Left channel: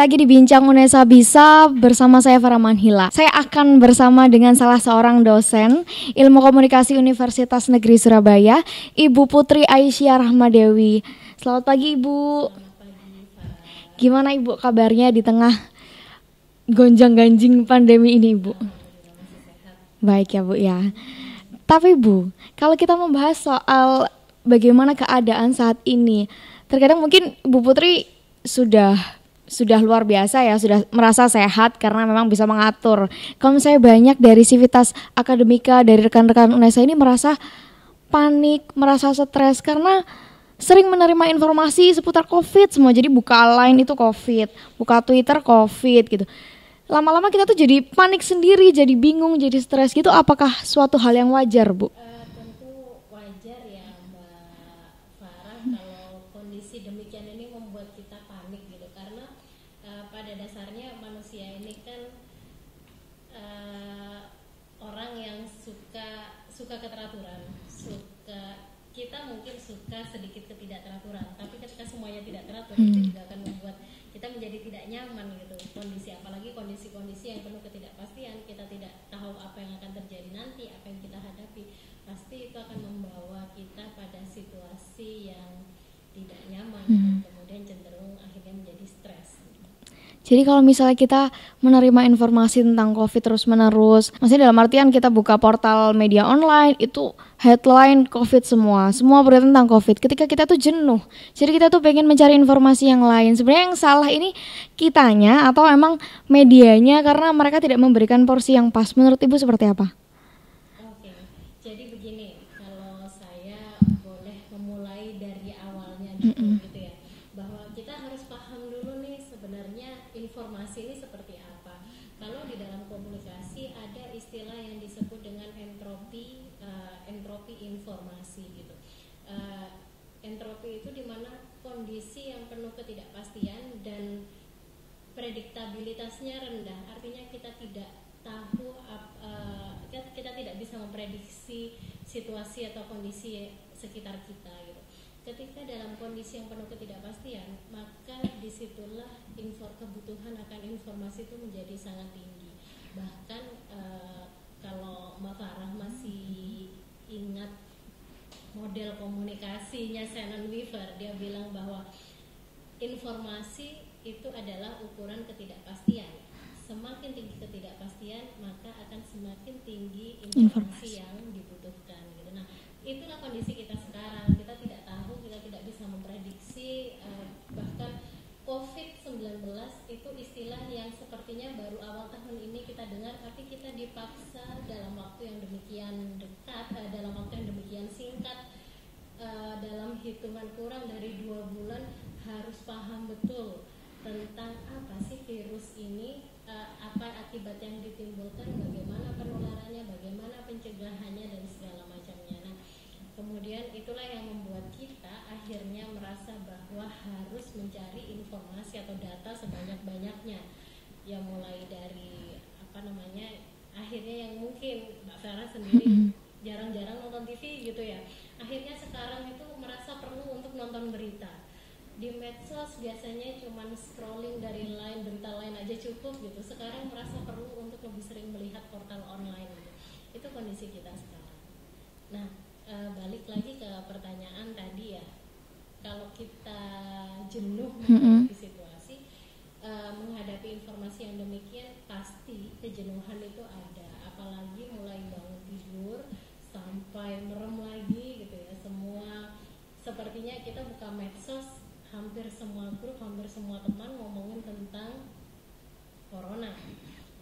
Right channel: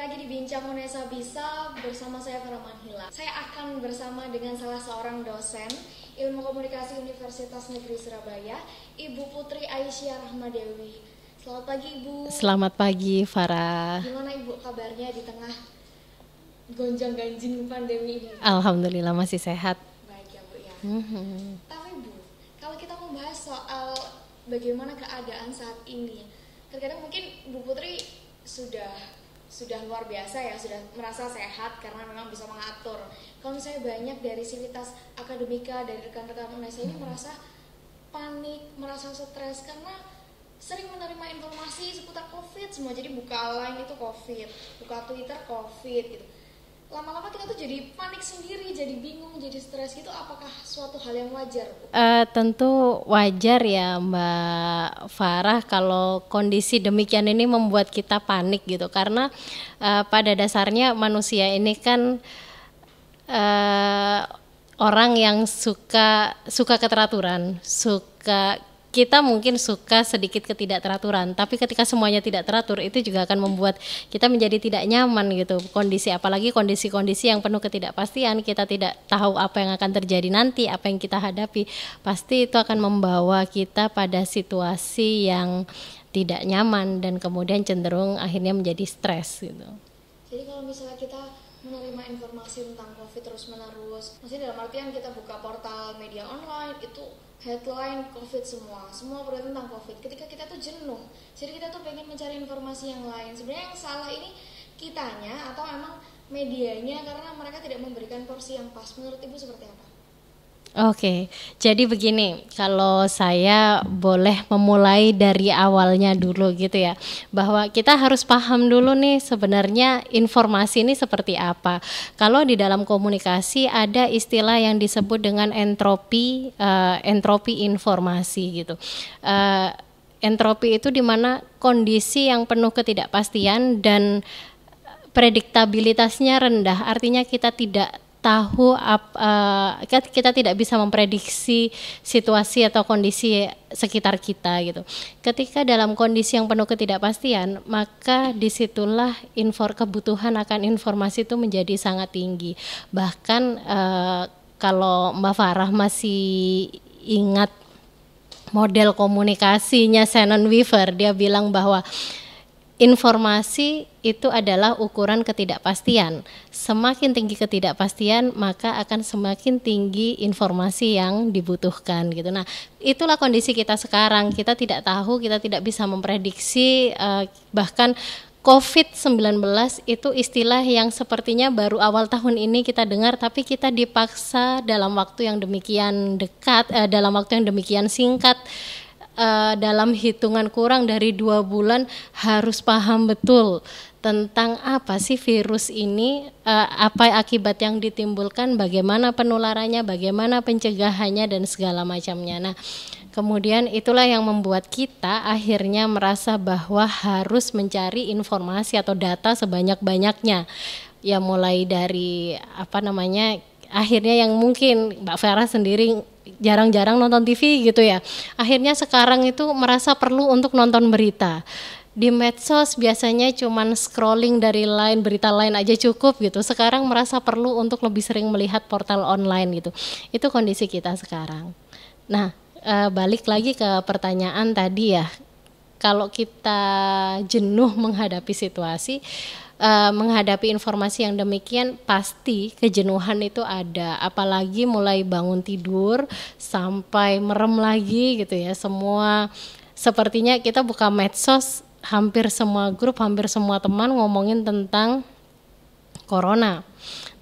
lagi di Bincang Unesa Bisa bersama saya Farah Manhila. Saya akan bersama dengan salah seorang dosen Ilmu Komunikasi Universitas Negeri Surabaya, Ibu Putri Aisyah Rahmadewi. Selamat pagi Ibu. Selamat pagi Farah. Gimana Ibu kabarnya di tengah gonjang-ganjing pandemi ini Ibu? Alhamdulillah masih sehat. Baik ya Bu ya. Tapi Bu, kalau kita membahas soal bagaimana keadaan saat ini, terkadang mungkin Ibu Putri sudah luar biasa ya, sudah merasa sehat karena memang bisa mengatur. Kalau misalnya banyak dari sivitas akademika, dari rekan-rekan UNESA ini merasa panik, merasa stres karena sering menerima informasi seputar COVID semua. Jadi buka line itu COVID, buka Twitter COVID gitu. Lama-lama kita tuh jadi panik sendiri, jadi bingung, jadi stres gitu. Apakah suatu hal yang wajar, Bu? Tentu wajar ya Mbak Farah kalau kondisi demikian ini membuat kita panik gitu. Karena pada dasarnya manusia ini kan orang yang suka keteraturan, kita mungkin suka sedikit ketidakteraturan, tapi ketika semuanya tidak teratur itu juga akan membuat kita menjadi tidak nyaman gitu. Apalagi kondisi-kondisi yang penuh ketidakpastian, kita tidak tahu apa yang akan terjadi nanti, apa yang kita hadapi, pasti itu akan membawa kita pada situasi yang tidak nyaman dan kemudian cenderung akhirnya menjadi stres gitu. Jadi kalau misalnya kita menerima informasi tentang COVID terus-menerus, maksudnya dalam artian kita buka portal media online, itu headline COVID semua berita tentang COVID. Ketika kita tuh jenuh, jadi kita tuh pengen mencari informasi yang lain. Sebenarnya yang salah ini kitanya atau emang medianya karena mereka tidak memberikan porsi yang pas. Menurut Ibu seperti apa? Oke, jadi begini, kalau saya boleh memulai dari awalnya dulu gitu ya, bahwa kita harus paham dulu nih sebenarnya informasi ini seperti apa. Kalau di dalam komunikasi ada istilah yang disebut dengan entropi informasi gitu. Entropi itu dimana kondisi yang penuh ketidakpastian dan prediktabilitasnya rendah, artinya kita tidak tahu kita tidak bisa memprediksi situasi atau kondisi sekitar kita gitu. Ketika dalam kondisi yang penuh ketidakpastian, maka disitulah kebutuhan akan informasi itu menjadi sangat tinggi. Bahkan kalau Mbak Farah masih ingat model komunikasinya Shannon Weaver, dia bilang bahwa informasi itu adalah ukuran ketidakpastian. Semakin tinggi ketidakpastian, maka akan semakin tinggi informasi yang dibutuhkan gitu. Nah, itulah kondisi kita sekarang. Kita tidak tahu, kita tidak bisa memprediksi, bahkan COVID-19 itu istilah yang sepertinya baru awal tahun ini kita dengar, tapi kita dipaksa dalam waktu yang demikian dekat, dalam waktu yang demikian singkat, dalam hitungan kurang dari 2 bulan harus paham betul tentang apa sih virus ini, apa akibat yang ditimbulkan, bagaimana penularannya, bagaimana pencegahannya dan segala macamnya. Nah, kemudian itulah yang membuat kita akhirnya merasa bahwa harus mencari informasi atau data sebanyak-banyaknya. Ya mulai dari akhirnya yang mungkin Mbak Farah sendiri jarang-jarang nonton TV gitu ya. Akhirnya sekarang itu merasa perlu untuk nonton berita. Di medsos biasanya cuman scrolling dari berita lain aja cukup gitu. Sekarang merasa perlu untuk lebih sering melihat portal online gitu. Itu kondisi kita sekarang. Nah, balik lagi ke pertanyaan tadi ya. Kalau kita jenuh menghadapi situasi, menghadapi informasi yang demikian, pasti kejenuhan itu ada, apalagi mulai bangun tidur sampai merem lagi gitu ya. Semua sepertinya kita buka medsos, hampir semua grup, hampir semua teman ngomongin tentang corona.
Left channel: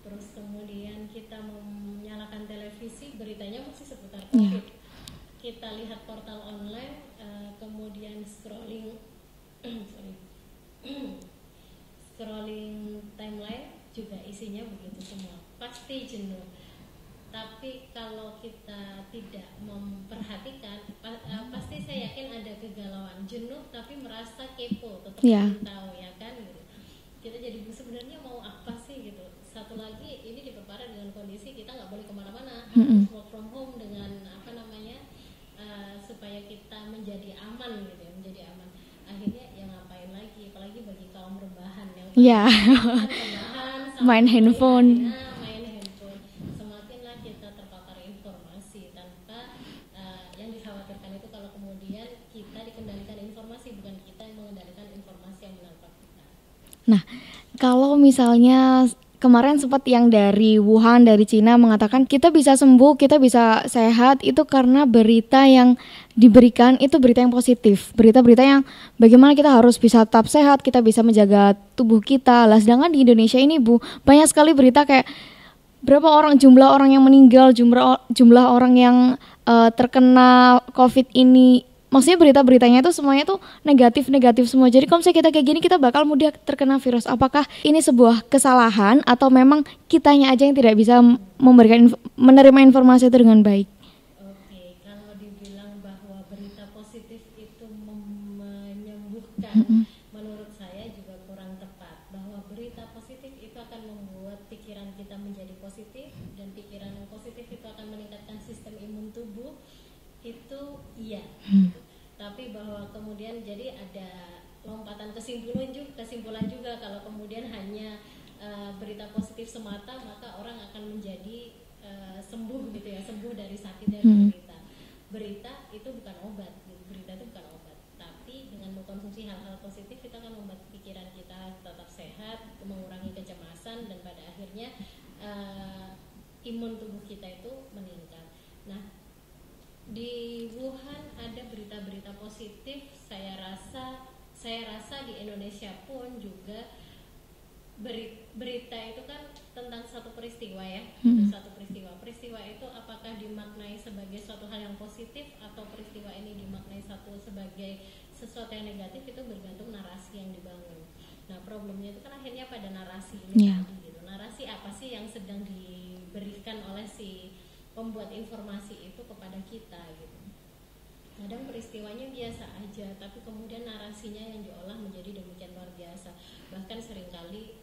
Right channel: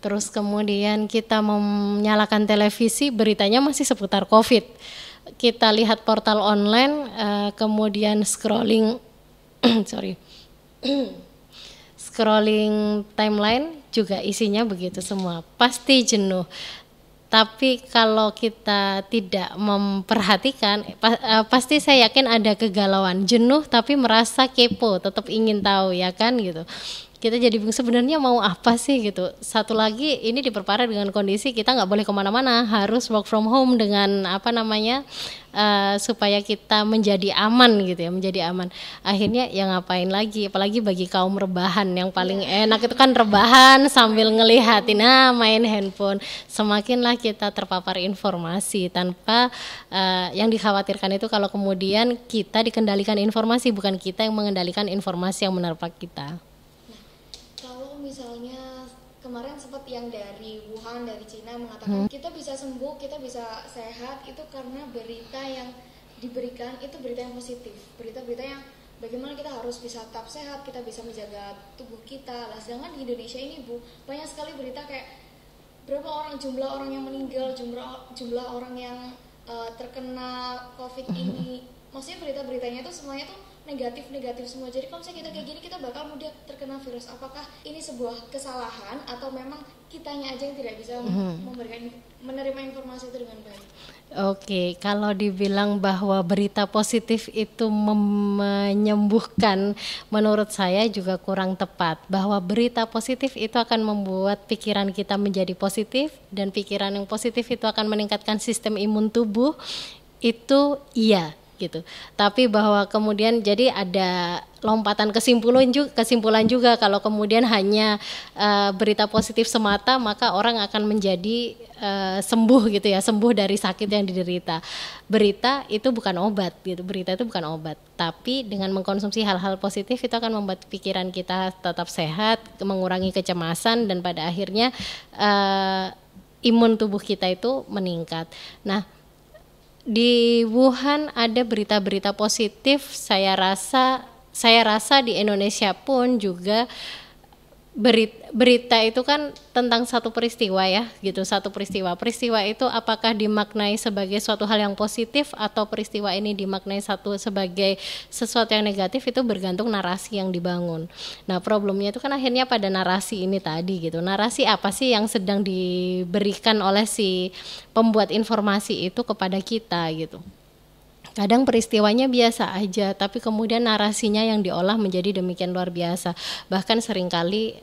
Terus kemudian kita menyalakan televisi, beritanya masih seputar COVID. Kita lihat portal online, kemudian scrolling scrolling timeline juga isinya begitu semua. Pasti jenuh. Tapi kalau kita tidak memperhatikan, pasti saya yakin ada kegalauan. Jenuh tapi merasa kepo, tetap ingin tahu ya kan gitu. kita jadi bingung sebenarnya mau apa sih gitu. Satu lagi ini diperparah dengan kondisi kita nggak boleh kemana-mana, harus work from home dengan apa namanya supaya kita menjadi aman gitu ya, menjadi aman. Akhirnya ya ngapain lagi, apalagi bagi kaum rebahan yang paling enak itu kan rebahan sambil ngelihatin main handphone. Semakinlah kita terpapar informasi tanpa yang dikhawatirkan itu kalau kemudian kita dikendalikan informasi, bukan kita yang mengendalikan informasi yang menerpa kita. Nah, kalau misalnya kemarin sempat yang dari Wuhan, dari Cina mengatakan kita bisa sembuh, kita bisa sehat, itu karena berita yang diberikan itu berita yang positif, berita-berita yang bagaimana kita harus bisa tetap sehat, kita bisa menjaga tubuh kita. Lah sedangkan di Indonesia ini Bu, banyak sekali berita kayak berapa orang, jumlah orang yang meninggal, jumlah orang yang terkena COVID ini. Maksudnya berita-beritanya itu semuanya tuh negatif semua. Jadi kalau misalnya kita kayak gini kita bakal mudah terkena virus. Apakah ini sebuah kesalahan atau memang kitanya aja yang tidak bisa menerima informasi itu dengan baik? Oke, kalau dibilang bahwa berita positif itu menyembuhkan, menurut saya juga kurang tepat. Bahwa berita positif itu akan membuat pikiran kita menjadi positif, dan pikiran yang positif itu akan meningkatkan sistem imun tubuh. Itu iya gitu. Tapi bahwa kemudian jadi ada lompatan kesimpulan juga kalau kemudian hanya berita positif semata, maka orang akan menjadi sembuh gitu ya, sembuh dari sakit yang diderita. Berita itu bukan obat gitu. Berita itu bukan obat. Tapi dengan mengkonsumsi hal-hal positif itu akan membuat pikiran kita tetap sehat, mengurangi kecemasan, dan pada akhirnya imun tubuh kita itu meningkat. Nah, di Wuhan ada berita-berita positif. Saya rasa di Indonesia pun juga berita itu kan tentang satu peristiwa ya gitu, satu peristiwa itu apakah dimaknai sebagai suatu hal yang positif atau peristiwa ini dimaknai sebagai sesuatu yang negatif, itu bergantung narasi yang dibangun. Nah problemnya itu kan akhirnya pada narasi ini tadi gitu. Narasi apa sih yang sedang diberikan oleh si pembuat informasi itu kepada kita gitu. Kadang peristiwanya biasa aja, tapi kemudian narasinya yang diolah menjadi demikian luar biasa. Bahkan seringkali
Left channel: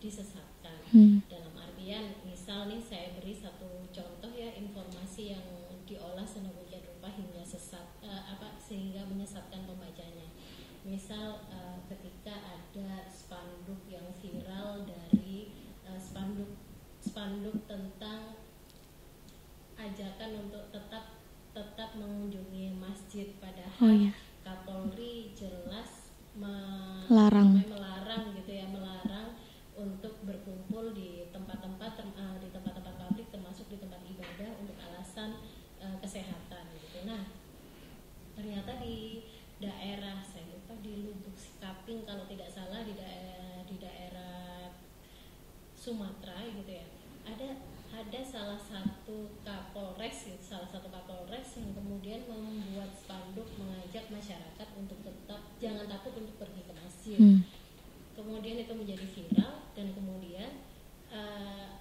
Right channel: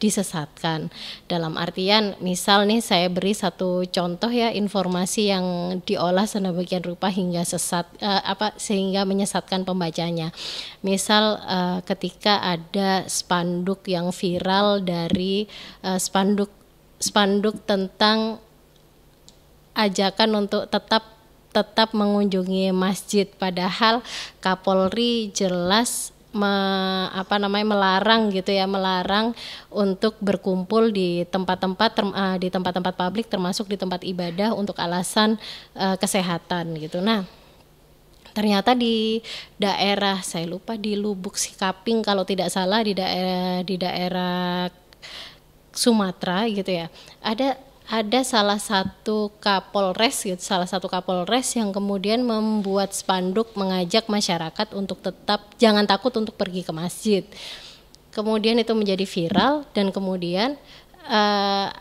disesatkan. Dalam artian, misal nih saya beri satu contoh ya, informasi yang diolah sedemikian rupa hingga sehingga menyesatkan pembacanya. Misal ketika ada spanduk yang viral dari spanduk tentang ajakan untuk tetap mengunjungi masjid, padahal Kapolri jelas melarang gitu ya, melarang untuk berkumpul di tempat-tempat publik termasuk di tempat ibadah untuk alasan kesehatan gitu. Nah, ternyata di daerah, saya lupa di Lubuk Sikaping kalau tidak salah, di daerah Sumatera gitu ya, ada salah satu kapolres yang kemudian membuat spanduk mengajak masyarakat untuk tetap jangan takut untuk pergi ke masjid. Kemudian itu menjadi viral, dan kemudian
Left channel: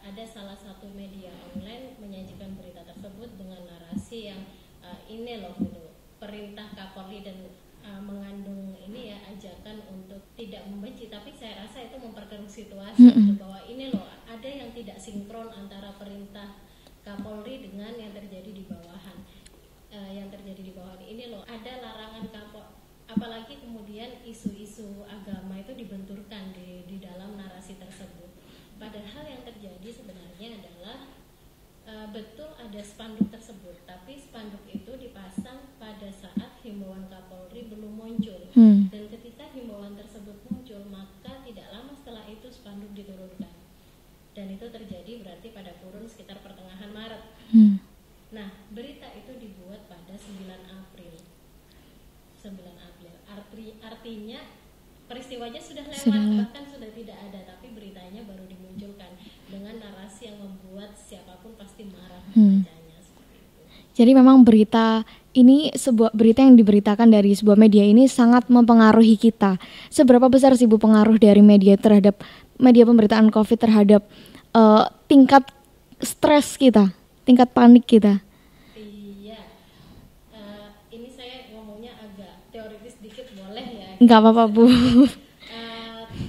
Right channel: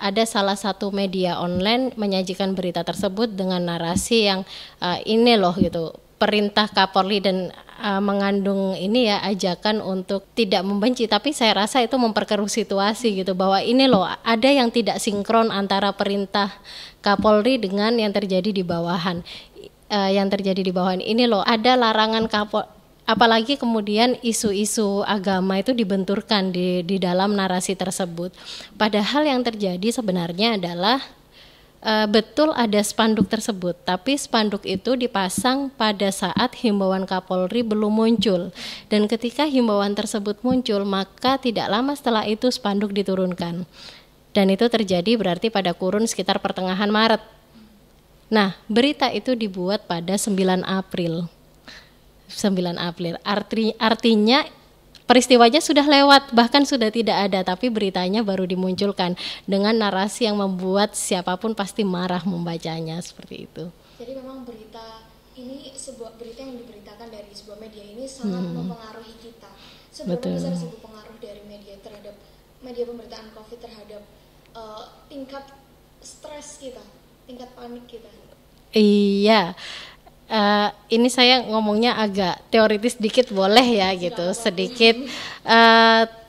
ada salah satu media online menyajikan berita tersebut dengan narasi yang ini loh gitu, perintah Kapolri, dan mengandung ini ya, ajakan untuk tidak membenci. Tapi saya rasa itu memperkeruh situasi gitu, bahwa ini loh ada yang tidak sinkron antara perintah Kapolri dengan yang terjadi di bawahan. Ini loh ada larangan apalagi kemudian isu-isu agama itu dibenturkan di dalam narasi tersebut. Padahal yang terjadi sebenarnya adalah betul ada spanduk tersebut, tapi spanduk itu dipasang pada saat himbauan Kapolri belum muncul. Dan ketika himbauan tersebut muncul, maka tidak lama setelah itu spanduk diturunkan. Dan itu terjadi berarti pada kurun sekitar pertengahan Maret. Nah, berita itu dibuat pada 9 April. Artinya peristiwanya sudah lewat, bahkan sudah tidak ada, tapi beritanya baru dimunculkan dengan narasi yang membuat siapapun pasti marah membacanya, seperti itu. Jadi memang berita ini, sebuah berita yang diberitakan dari sebuah media ini sangat mempengaruhi kita. Seberapa besar sih Bu pengaruh dari media terhadap media pemberitaan COVID terhadap tingkat stres kita, tingkat panik kita? Iya. ini saya ngomongnya agak teoritis dikit boleh ya gitu. Nggak apa-apa, Bu. Sedikit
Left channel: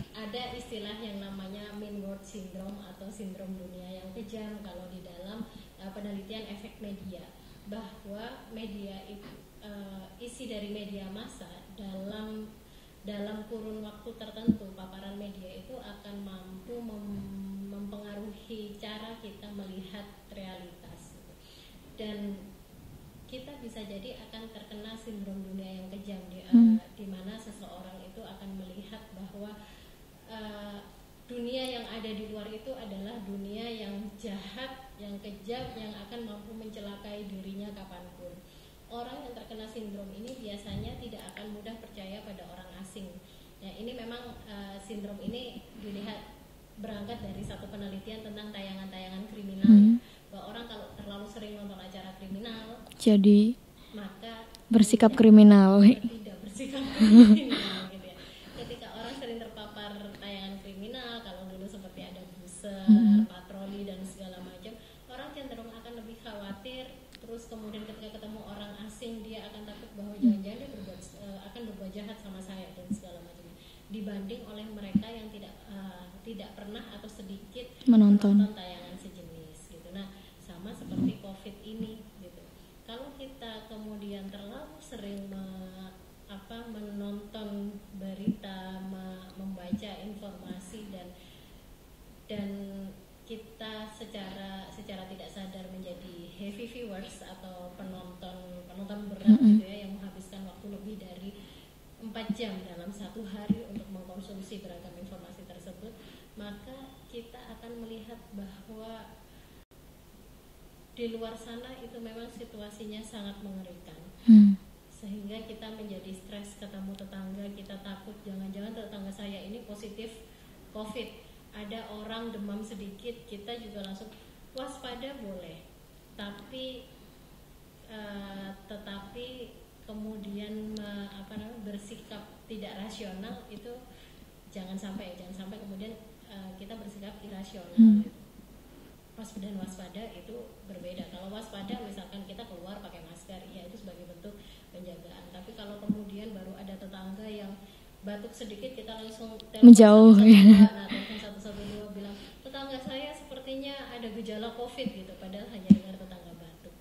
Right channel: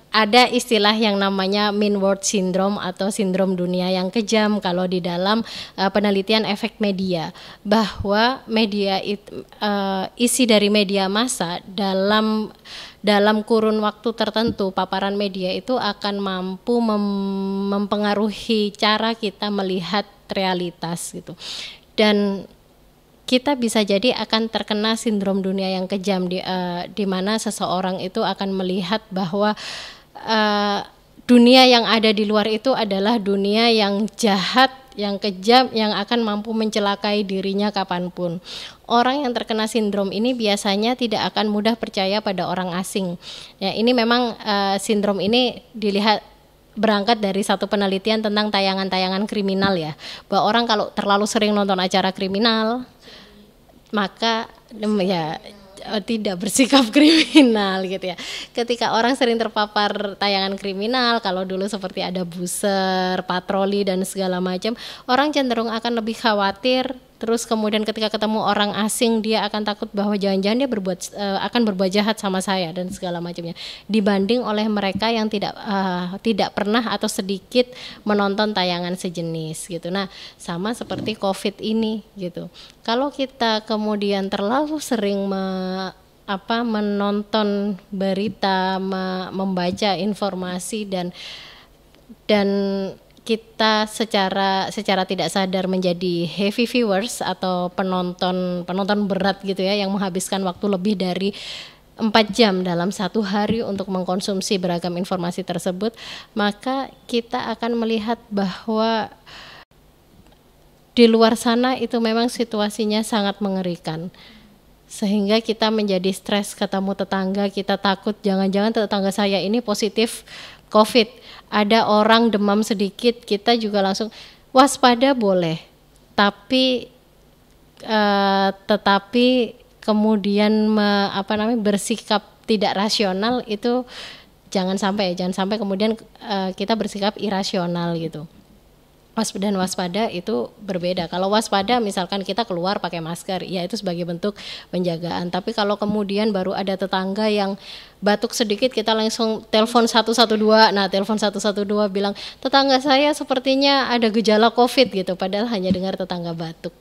ada istilah yang namanya mean world syndrome atau sindrom dunia yang kejam kalau di dalam penelitian efek media, bahwa media isi dari media massa dalam kurun waktu tertentu, paparan media itu akan mampu mempengaruhi cara kita melihat realitas gitu. Dan kita bisa jadi akan terkena sindrom dunia yang kejam di mana seseorang itu akan melihat bahwa dunia yang ada di luar itu adalah dunia yang jahat, yang kejam, yang akan mampu mencelakai dirinya kapanpun. Orang yang terkena sindrom ini biasanya tidak akan mudah percaya pada orang asing. Ya, ini memang sindrom ini dilihat berangkat dari satu penelitian tentang tayangan-tayangan kriminal ya, bahwa orang kalau terlalu sering nonton acara kriminal, jadi maka bersikap kriminal. Tidak bersikap kriminal gitu ya. Ketika orang sering terpapar tayangan kriminal, kalau dulu seperti ada buser, patroli dan segala macam, orang cenderung akan lebih khawatir. Terus kemudian ketika ketemu orang asing, dia akan takut bahwa jangan-jangan dia akan berbuat jahat sama saya dan segala macamnya. Dibanding oleh mereka yang tidak pernah atau sedikit menonton tayangan sejenis gitu. Nah, sama seperti COVID ini gitu. Kalau kita kemudian terlalu sering menonton berita, membaca informasi dan kita secara tidak sadar menjadi heavy viewers atau penonton berat gitu ya, yang menghabiskan waktu lebih dari 4 jam dalam satu hari untuk mengkonsumsi beragam informasi tersebut, maka kita akan melihat bahwa di luar sana itu memang situasinya sangat mengerikan. Sehingga kita menjadi stres, ketemu tetangga, kita takut jangan-jangan tetangga saya ini positif COVID. Ada orang demam sedikit, kita juga langsung waspada boleh. Tetapi kemudian bersikap tidak rasional itu jangan sampai kemudian kita bersikap irasional gitu. Dan waspada itu berbeda. Kalau waspada misalkan kita keluar pakai masker, ya itu sebagai bentuk penjagaan. Tapi kalau kemudian baru ada tetangga yang batuk sedikit, kita langsung telepon 112. Nah, telepon 112 bilang, tetangga saya sepertinya ada gejala COVID gitu, padahal hanya dengar tetangga batuk.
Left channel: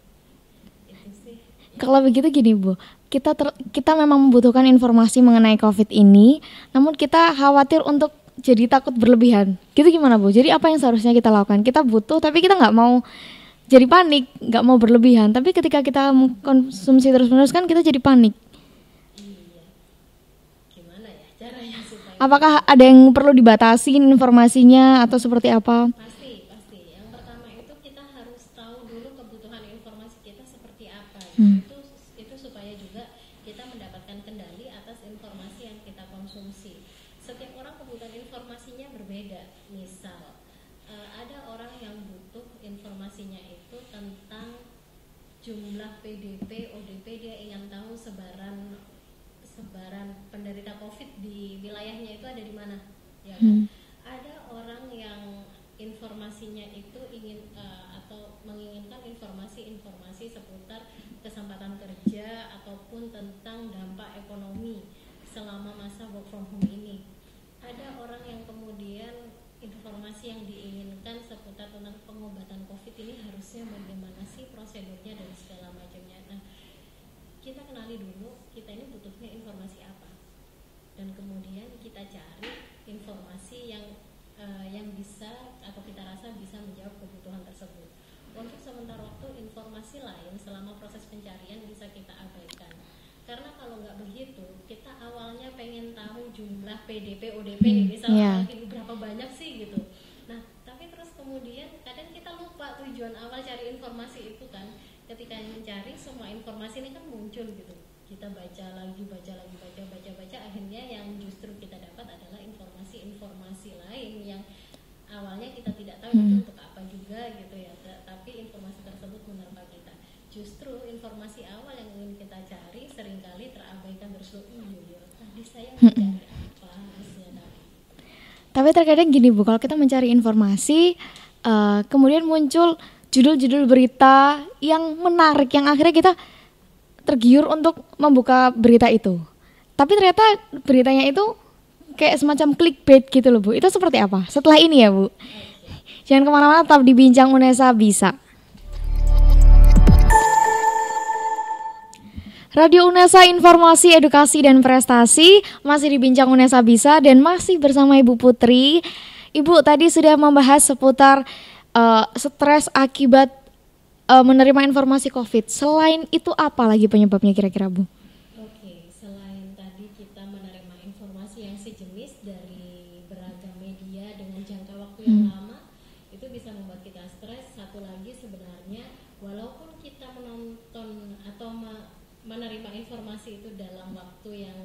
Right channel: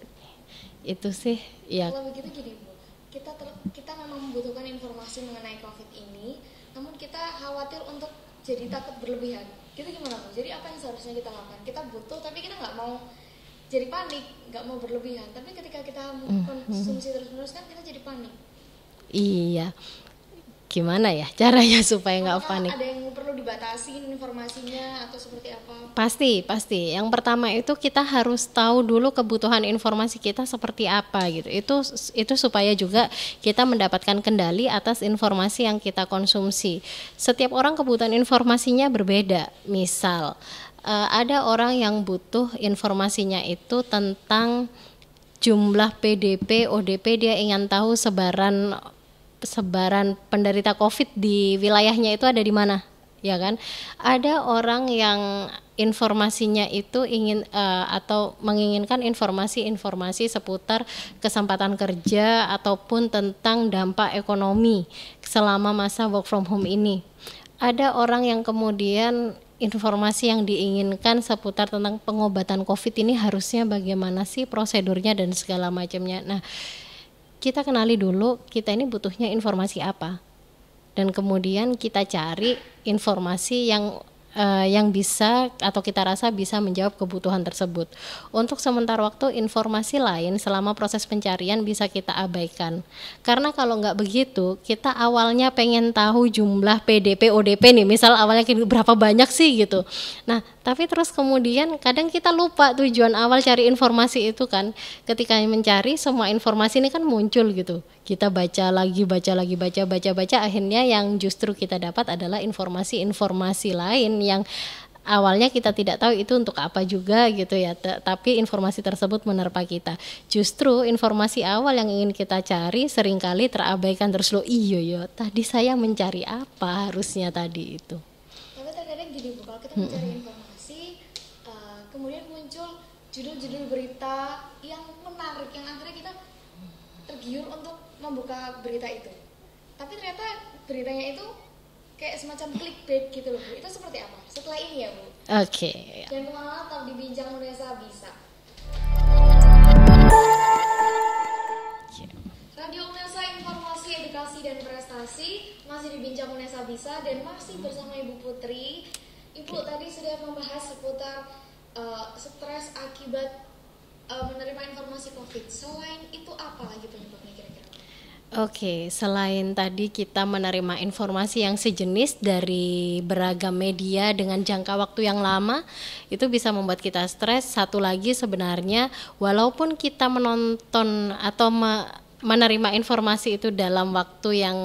Itu sih. Ya. Kalau begitu gini Bu, kita memang membutuhkan informasi mengenai COVID ini, namun kita khawatir untuk jadi takut berlebihan. Gitu gimana Bu? Jadi apa yang seharusnya kita lakukan? Kita butuh tapi kita nggak mau jadi panik, nggak mau berlebihan. Tapi ketika kita konsumsi terus-menerus kan kita jadi panik. Iya. Gimana ya caranya supaya apakah ada yang perlu dibatasin informasinya atau seperti apa? Pasti. Yang pertama itu kita harus tahu dulu kebutuhan informasi kita seperti apa gitu. Itu supaya juga kita mendapatkan kendali atas informasi yang kita konsumsi. Setiap orang kebutuhan informasinya berbeda. Misal ada orang yang butuh informasinya itu tentang jumlah PDP, ODP, dia ingin tahu sebaran penderita COVID di wilayahnya itu ada di mana, ya kan? Ada orang yang informasinya itu ingin atau menginginkan informasi seputar kesempatan kerja ataupun tentang dampak ekonomi selama masa work from home ini. Ada orang yang kemudian informasi yang diinginkan seputar tentang pengobatan COVID ini harusnya bagaimana sih prosedurnya dan segala macamnya. Nah, kita kenali dulu kita ini butuhnya informasi apa, dan kemudian kita cari informasi yang bisa atau kita rasa bisa menjawab kebutuhan tersebut. Untuk sementara waktu informasi lain selama proses pencarian bisa kita abaikan, karena kalau nggak begitu kita awalnya pengen tahu jumlah PDP ODP nih misal awalnya berapa banyak sih gitu. Nah tapi terus kemudian kadang kita lupa tujuan awal cari informasi itu kan. Ketika mencari semua informasi ini kan muncul gitu, kita baca lagi, akhirnya yang justru kita dapat adalah informasi lain yang awalnya kita tidak tahu itu untuk apa juga gitu ya, tapi informasi tersebut menerpa kita. Justru informasi awal yang ingin kita cari seringkali terabaikan terus. Tadi saya mencari apa harusnya tadi itu. Tapi terkadang gini Bu, kalau kita mencari informasi kemudian muncul judul-judul berita yang menarik, yang akhirnya kita tergiur untuk membuka berita itu. Tapi ternyata beritanya itu kayak semacam clickbait gitu loh Bu. Itu seperti apa? Setelah ini ya Bu. Oke. Jangan kemana-mana, tetap di Bincang Unesa Bisa. Radio Unesa, informasi, edukasi, dan prestasi. Masih di Bincang Unesa Bisa dan masih bersama Ibu Putri. Ibu tadi sudah membahas seputar stres akibat menerima informasi COVID. Selain itu apa lagi penyebabnya kira-kira Bu? Oke, selain tadi kita menerima informasi yang sejenis dari beragam media dengan jangka waktu yang lama, itu bisa membuat kita stres. Satu lagi sebenarnya, walaupun kita menonton atau menerima informasi itu dalam waktu yang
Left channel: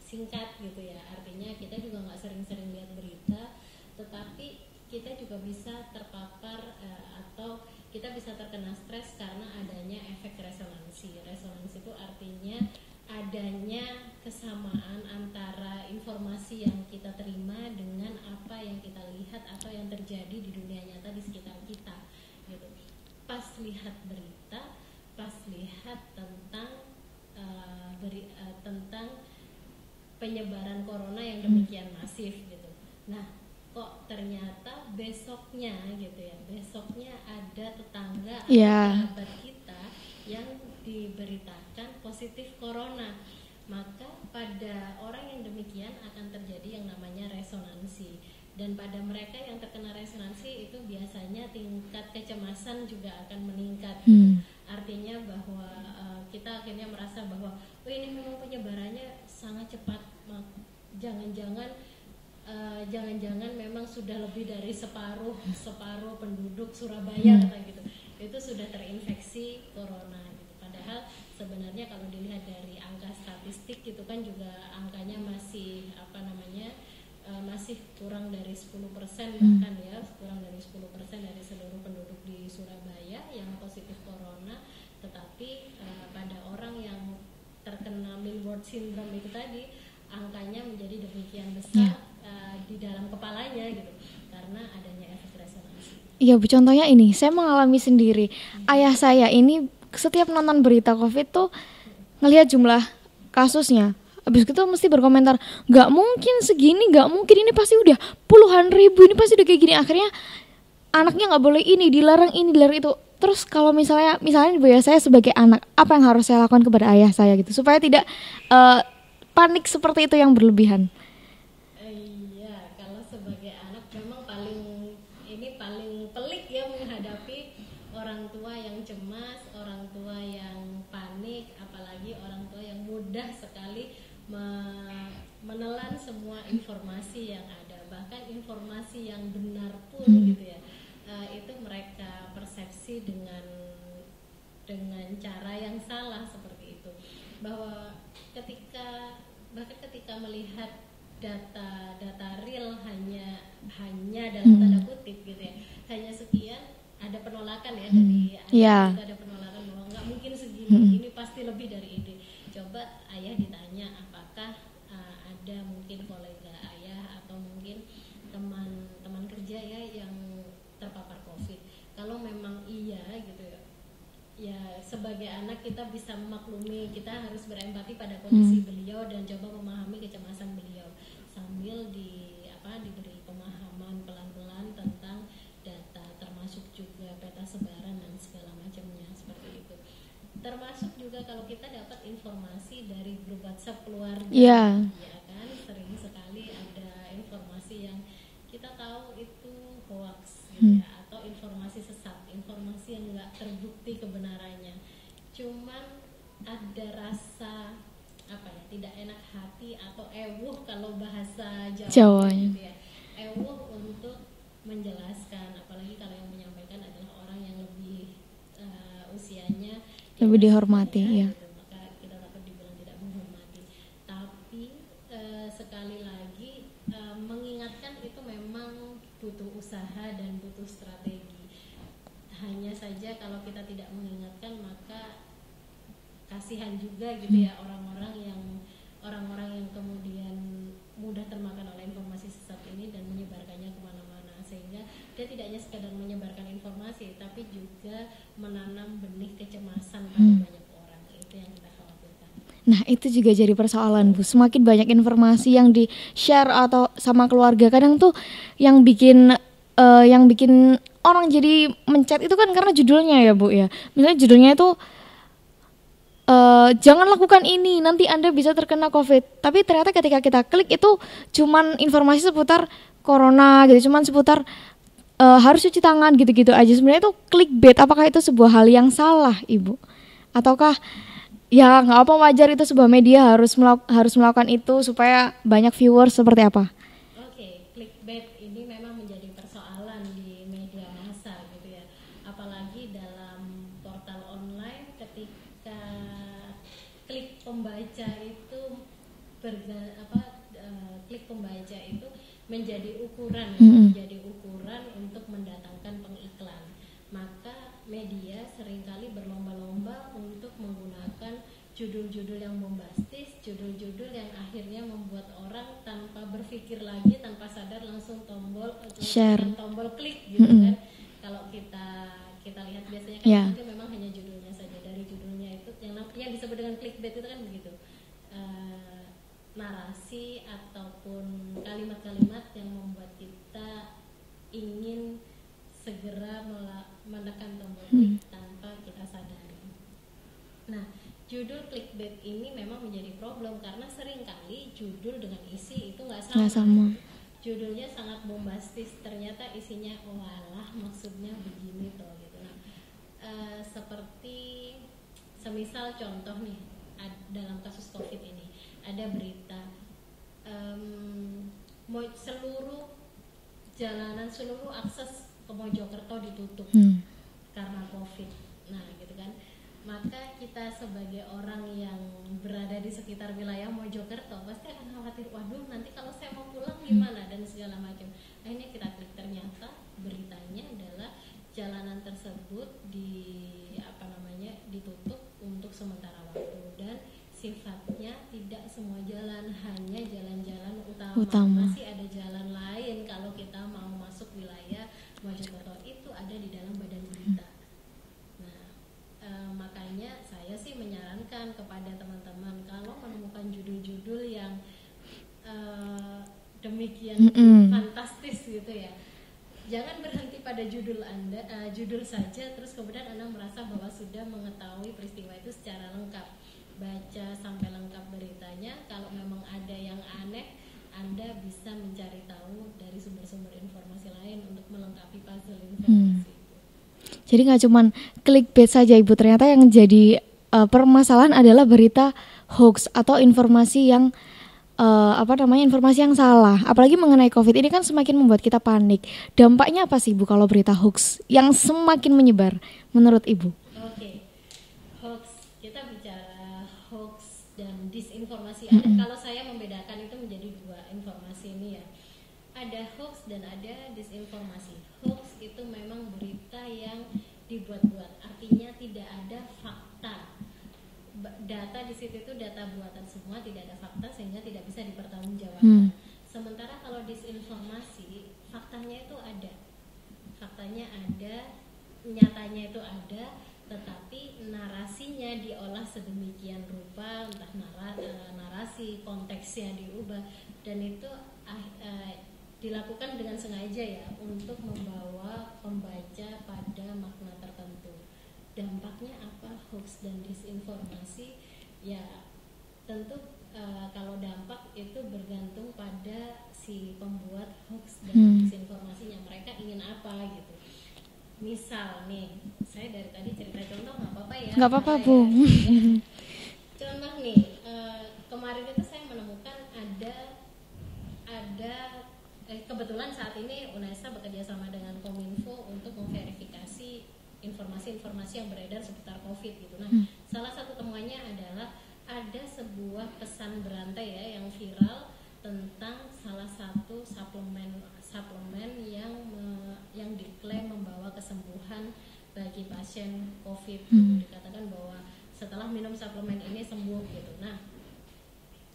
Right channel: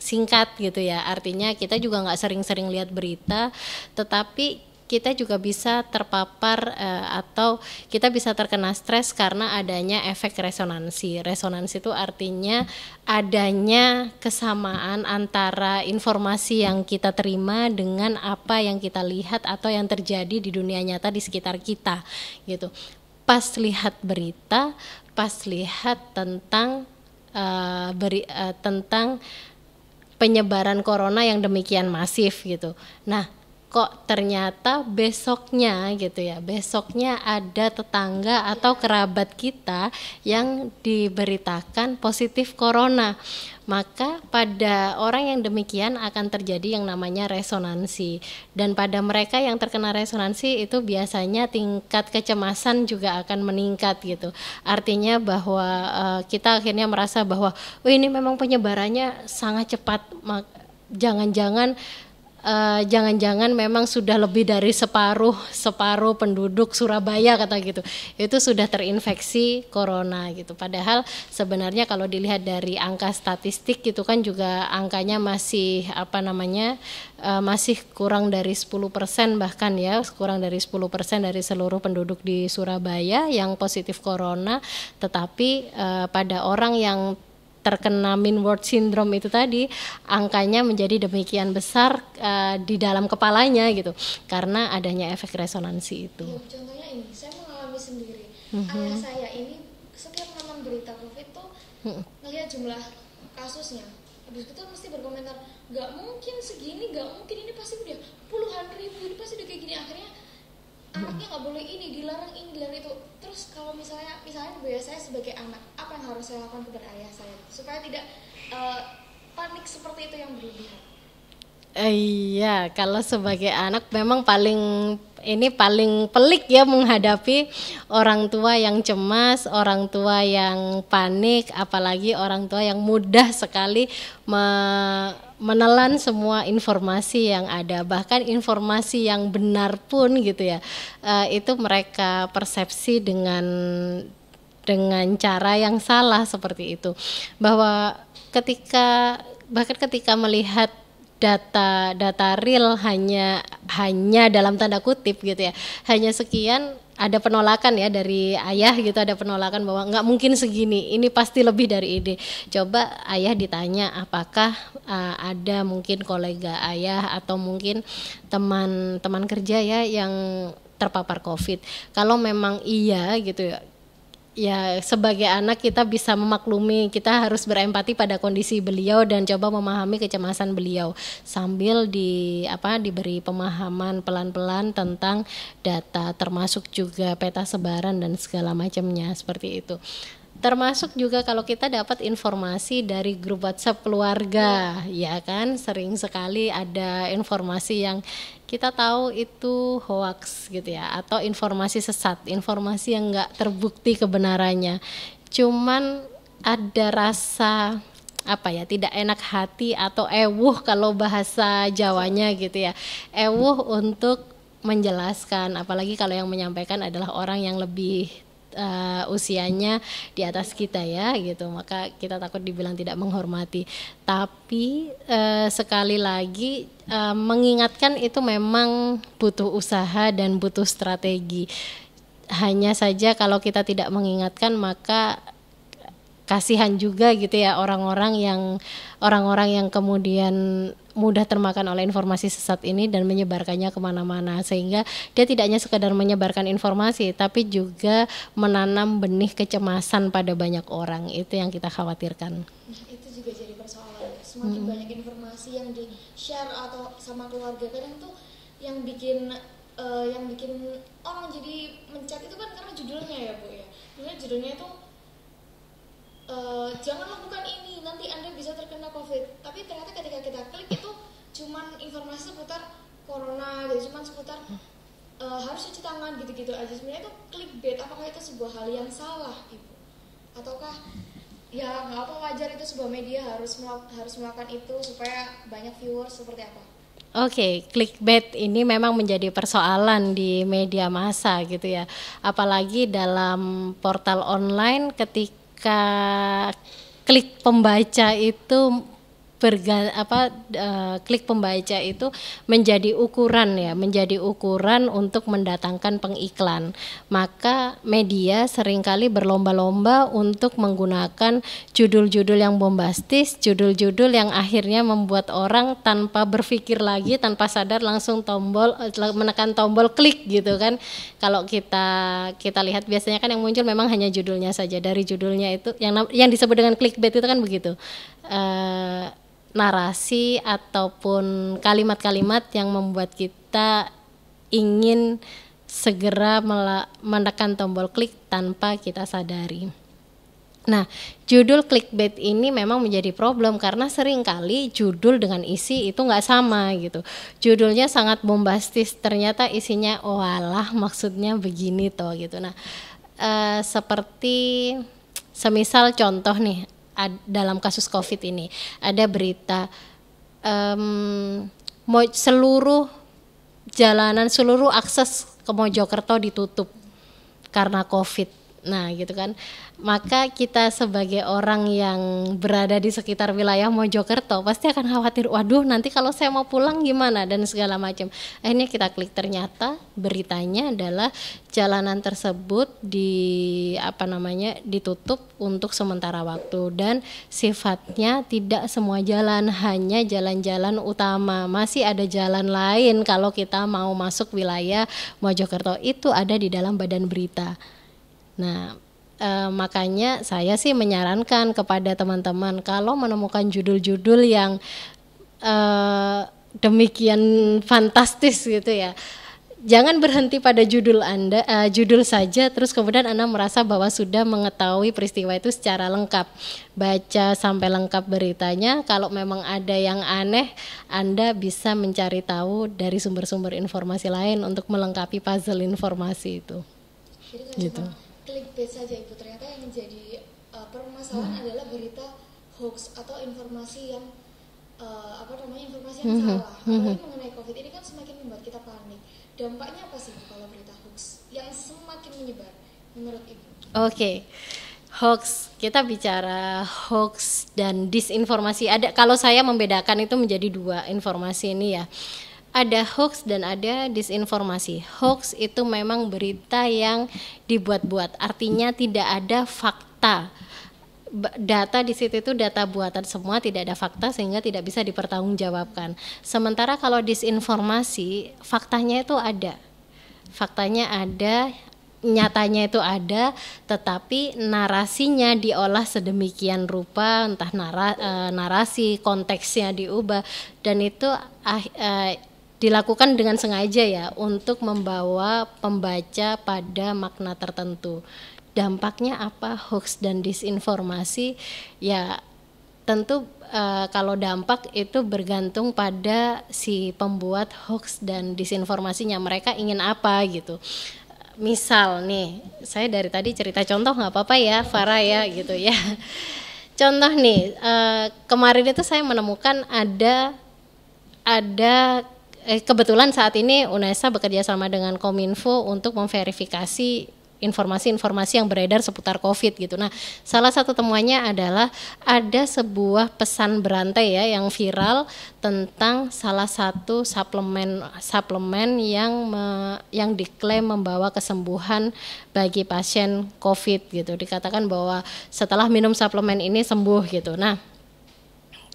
singkat gitu ya, artinya kita juga nggak sering-sering lihat berita, tetapi kita juga bisa terpapar atau kita bisa terkena stres karena adanya efek resonansi. Resonansi itu artinya adanya kesamaan antara informasi yang kita terima dengan apa yang kita lihat atau yang terjadi di dunia nyata di sekitar kita gitu. Pas lihat berita, pas lihat tentang tentang penyebaran corona yang demikian masif gitu. Nah, kok ternyata besoknya gitu ya, besoknya ada tetangga atau kerabat kita yang diberitakan positif corona. Maka pada orang yang demikian akan terjadi yang namanya resonansi, dan pada mereka yang terkena resonansi itu biasanya tingkat kecemasan juga akan meningkat gitu. Artinya bahwa kita akhirnya merasa bahwa ini memang penyebarannya sangat cepat, jangan-jangan memang sudah lebih dari separuh penduduk Surabaya kata gitu, itu sudah terinfeksi corona gitu. Padahal sebenarnya kalau dilihat dari angka statistik gitu kan juga angkanya masih masih kurang dari 10% bahkan ya, kurang dari 10% dari seluruh penduduk di Surabaya yang positif corona. Tetapi pada orang yang terkena Mean World Syndrome itu tadi, angkanya menjadi demikian besar di dalam kepalanya gitu, karena adanya efek resonansi itu. Iya Bu, contohnya ini, saya mengalami sendiri. Ayah saya ini setiap nonton berita COVID tuh ngelihat jumlah kasusnya, habis itu mesti berkomentar, nggak mungkin segini, nggak mungkin, ini pasti udah puluhan ribu, ini pasti udah kayak gini. Akhirnya anaknya nggak boleh ini, dilarang itu. Terus kalau misalnya Bu ya, saya sebagai anak, apa yang harus saya lakukan kepada ayah saya gitu supaya tidak panik seperti itu yang berlebihan? Iya, kalau sebagai anak memang paling pelik ya menghadapi orang tua yang cemas, orang tua yang panik, apalagi orang tua yang mudah sekali menelan semua informasi yang ada, bahkan informasi yang benar pun gitu ya, itu mereka persepsi dengan cara yang salah seperti itu, bahwa ketika melihat data real hanya dalam tanda kutip gitu ya, hanya sekian, ada penolakan ya dari ayah gitu, ada penolakan bahwa nggak mungkin segini, ini pasti lebih dari ini. Coba ayah ditanya apakah ada mungkin kolega ayah atau mungkin teman kerja ya yang terpapar COVID. Kalau memang iya gitu ya, sebagai anak kita bisa memaklumi, kita harus berempati pada kondisi beliau dan coba memahami kecemasan beliau sambil diberi pemahaman pelan-pelan tentang data, termasuk juga peta sebaran dan segala macamnya seperti itu. Termasuk juga kalau kita dapat informasi dari grup WhatsApp keluarga, ya kan, sering sekali ada informasi yang kita tahu itu hoax gitu ya, atau informasi sesat, informasi yang nggak terbukti kebenarannya. Cuman ada rasa tidak enak hati atau ewuh kalau bahasa Jawanya gitu ya, ewuh untuk menjelaskan, apalagi kalau yang menyampaikan adalah orang yang lebih usianya di atas kita ya gitu, maka kita takut dibilang tidak menghormati. Tapi sekali lagi mengingatkan itu memang butuh usaha dan butuh strategi. Hanya saja kalau kita tidak mengingatkan, maka kasihan juga gitu ya orang-orang yang orang-orang yang kemudian mudah termakan oleh informasi sesat ini dan menyebarkannya kemana-mana, sehingga dia tidak hanya sekedar menyebarkan informasi tapi juga menanam benih kecemasan pada banyak orang. Itu yang kita khawatirkan. Nah itu juga jadi persoalan Bu, semakin banyak informasi yang di share atau sama keluarga, kadang tuh yang bikin orang jadi mencet itu kan karena judulnya ya Bu ya. Misalnya judulnya itu jangan lakukan ini, nanti Anda bisa terkena COVID. Tapi ternyata ketika kita klik itu cuman informasi seputar corona gitu, cuman seputar harus cuci tangan gitu-gitu aja. Sebenarnya itu clickbait. Apakah itu sebuah hal yang salah, Ibu? Ataukah ya nggak apa, wajar, itu sebuah media harus melakukan itu supaya banyak viewers, seperti apa? Oke, clickbait ini memang menjadi persoalan di media massa gitu ya. Apalagi dalam portal online ketika klik pembaca itu klik pembaca itu menjadi ukuran ya, menjadi ukuran untuk mendatangkan pengiklan. Maka media seringkali berlomba-lomba untuk menggunakan judul-judul yang bombastis, judul-judul yang akhirnya membuat orang tanpa berpikir lagi, tanpa sadar langsung menekan tombol klik gitu kan. Kalau kita lihat biasanya kan yang muncul memang hanya judulnya saja. Dari judulnya itu yang disebut dengan clickbait itu kan begitu. Narasi ataupun kalimat-kalimat yang membuat kita ingin segera menekan tombol klik tanpa kita sadari. Nah, judul clickbait ini memang menjadi problem karena seringkali judul dengan isi itu nggak sama gitu. Judulnya sangat bombastis, ternyata isinya walah maksudnya begini toh gitu. Nah, seperti semisal contoh nih, dalam kasus COVID ini ada berita seluruh jalanan, seluruh akses ke Mojokerto ditutup karena COVID. Nah gitu kan, maka kita sebagai orang yang berada di sekitar wilayah Mojokerto pasti akan khawatir, waduh nanti kalau saya mau pulang gimana dan segala macam. Akhirnya kita klik, ternyata beritanya adalah jalanan tersebut ditutup untuk sementara waktu dan sifatnya tidak semua jalan, hanya jalan-jalan utama. Masih ada jalan lain kalau kita mau masuk wilayah Mojokerto, itu ada di dalam badan berita. Nah, makanya saya sih menyarankan kepada teman-teman kalau menemukan judul-judul yang demikian fantastis gitu ya, jangan berhenti pada judul Anda, judul saja terus kemudian Anda merasa bahwa sudah mengetahui peristiwa itu secara lengkap. Baca sampai lengkap beritanya. Kalau memang ada yang aneh, Anda bisa mencari tahu dari sumber-sumber informasi lain untuk melengkapi puzzle informasi itu. Jadi nggak cuman clickbait saja Ibu, ternyata yang jadi permasalahan adalah berita hoax atau informasi yang informasi yang salah. Apalagi mengenai COVID ini kan semakin membuat kita panik. Dampaknya apa sih Ibu kalau berita hoax yang semakin menyebar menurut Ibu? Oke. Hoax, kita bicara hoax dan disinformasi. Ada, kalau saya membedakan itu menjadi dua informasi ini ya. Ada hoax dan ada disinformasi. Hoax itu memang berita yang dibuat-buat, artinya tidak ada fakta. Data di situ itu data buatan semua, tidak ada fakta sehingga tidak bisa dipertanggungjawabkan. Sementara kalau disinformasi, faktanya itu ada. Faktanya ada, nyatanya itu ada, tetapi narasinya diolah sedemikian rupa, entah narasi, konteksnya diubah, dan itu dilakukan dengan sengaja ya untuk membawa pembaca pada makna tertentu. Dampaknya apa hoax dan disinformasi? Ya tentu kalau dampak itu bergantung pada si pembuat hoax dan disinformasinya, mereka ingin apa gitu. Misal nih, saya dari tadi cerita contoh nggak apa-apa ya, Farah ya gitu ya. Contoh nih, kemarin itu saya menemukan ada kebetulan saat ini UNESA bekerja sama dengan Kominfo untuk memverifikasi informasi-informasi yang beredar seputar COVID gitu. Nah, salah satu temuannya adalah ada sebuah pesan berantai ya yang viral tentang salah satu suplemen yang diklaim membawa kesembuhan bagi pasien COVID gitu. Dikatakan bahwa setelah minum suplemen ini sembuh gitu. Nah,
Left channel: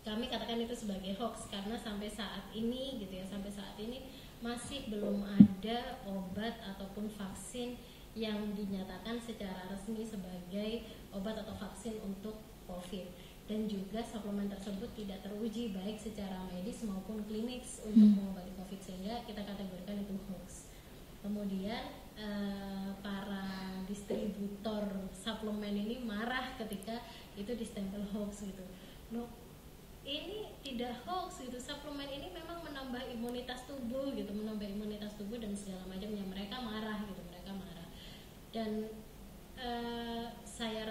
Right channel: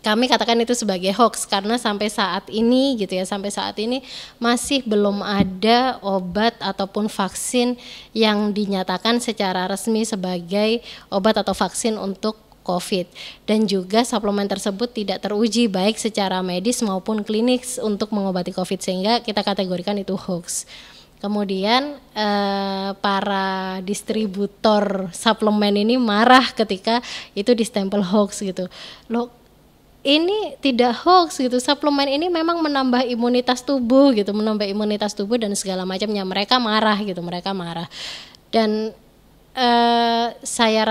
kami katakan itu sebagai hoax karena sampai saat ini gitu ya, sampai saat ini masih belum ada obat ataupun vaksin yang dinyatakan secara resmi sebagai obat atau vaksin untuk COVID, dan juga suplemen tersebut tidak teruji baik secara medis maupun klinis untuk mengobati COVID, sehingga kita kategorikan itu hoax. Kemudian para distributor suplemen ini marah ketika itu distempel hoax gitu. Loh, ini tidak hoax gitu, suplemen ini memang menambah imunitas tubuh gitu, menambah imunitas tubuh dan segala macamnya. Mereka marah gitu, mereka marah. Dan saya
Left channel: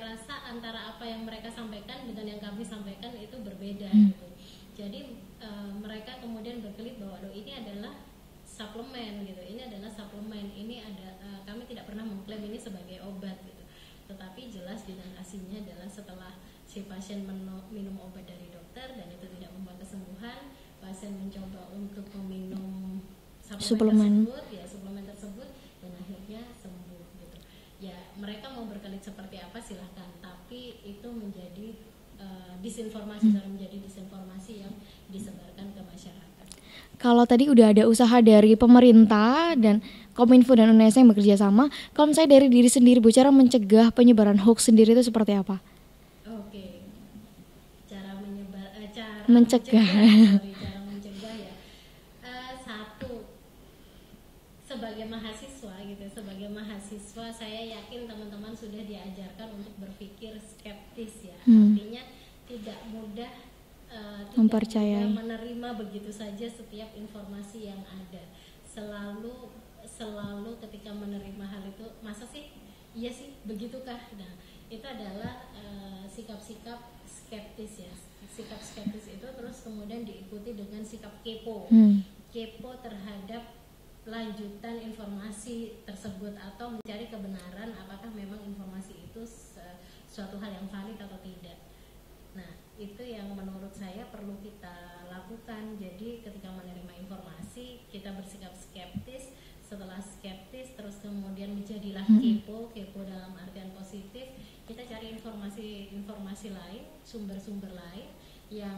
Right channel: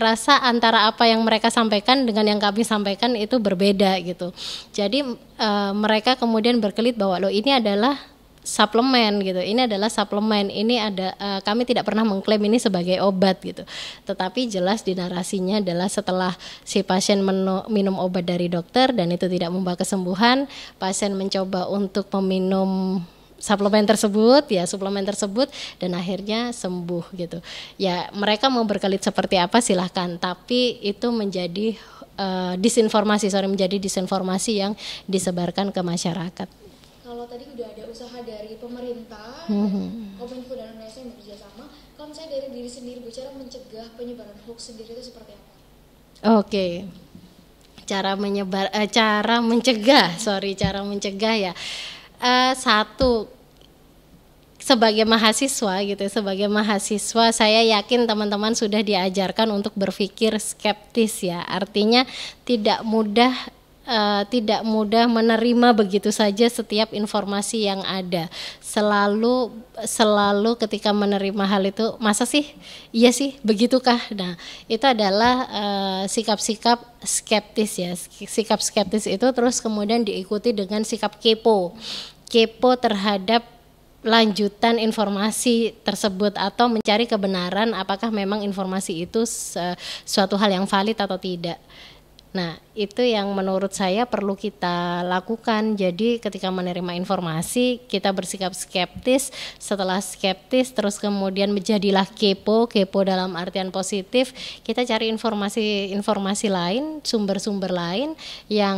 rasa antara apa yang mereka sampaikan dengan yang kami sampaikan itu berbeda gitu. Jadi mereka kemudian berkelit bahwa loh, ini adalah suplemen gitu, ini adalah suplemen, ini ada kami tidak pernah mengklaim ini sebagai obat gitu. Tetapi jelas di narasinya adalah setelah si pasien minum obat dari dokter dan itu tidak membawa kesembuhan, pasien mencoba untuk meminum suplemen tersebut dan akhirnya sembuh gitu. Ya, mereka mau berkelit seperti apa silahkan, tapi itu menjadi menjadi disinformasi yang disebarkan ke masyarakat. Kalau tadi udah ada usaha dari pemerintah dan Kominfo dan UNESA yang bekerja sama, kalau misalnya dari diri sendiri Bu, cara mencegah penyebaran hoax sendiri itu seperti apa? Oke. Cara mencegah ya. Satu, sebagai mahasiswa saya yakin teman-teman sudah diajarkan untuk berpikir skeptis ya. Artinya tidak mudah menerima begitu saja setiap informasi yang ada. Selalu ketika menerima hal itu, masa sih, iya sih, begitukah? Nah, itu adalah sikap-sikap skeptis ya. Sikap skeptis itu terus kemudian diikuti dengan sikap kepo. Kepo terhadap lanjutan informasi tersebut atau mencari kebenaran apakah memang informasi itu suatu hal yang valid atau tidak. Nah, itu yang menurut saya perlu kita lakukan. Jadi ketika menerima informasi, kita bersikap skeptis. Setelah skeptis, terus kemudian menjadilah kepo dalam artian positif. Kita cari informasi lain, sumber-sumber lain yang